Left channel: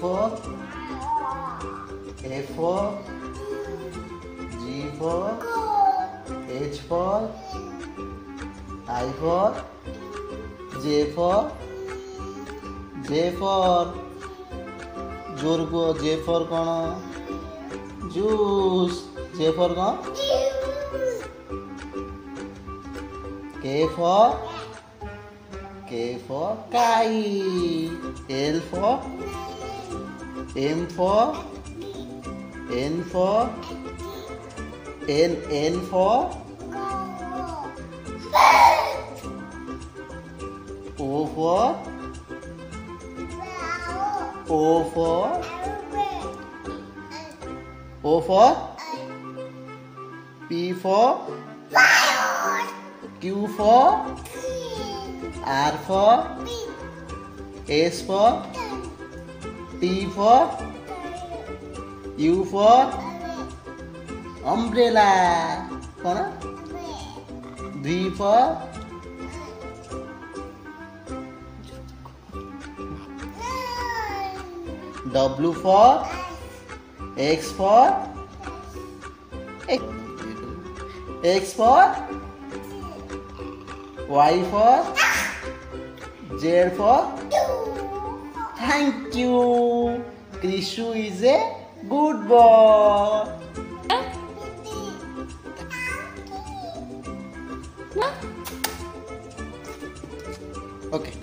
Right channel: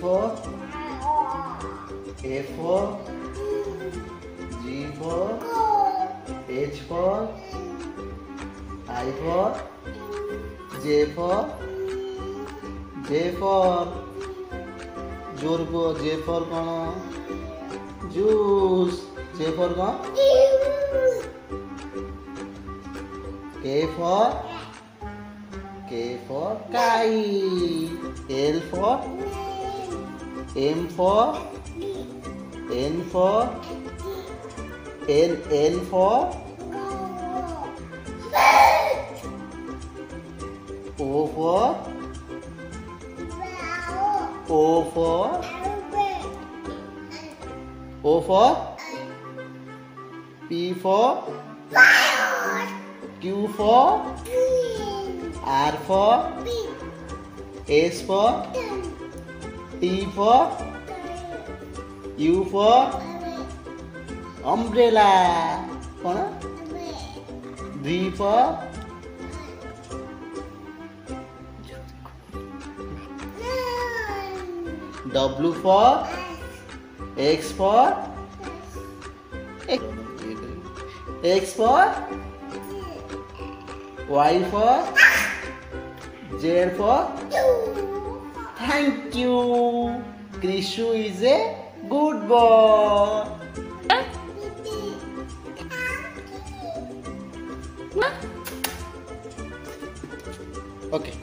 for A for G for H for I for J for Jurgo J for kona juice J for kona K for kite L for M for N for N for O for P for Q for R for S for T for U for umbrella V for W for X for Y for Z for thank you. Krishu is a good boy. Okay.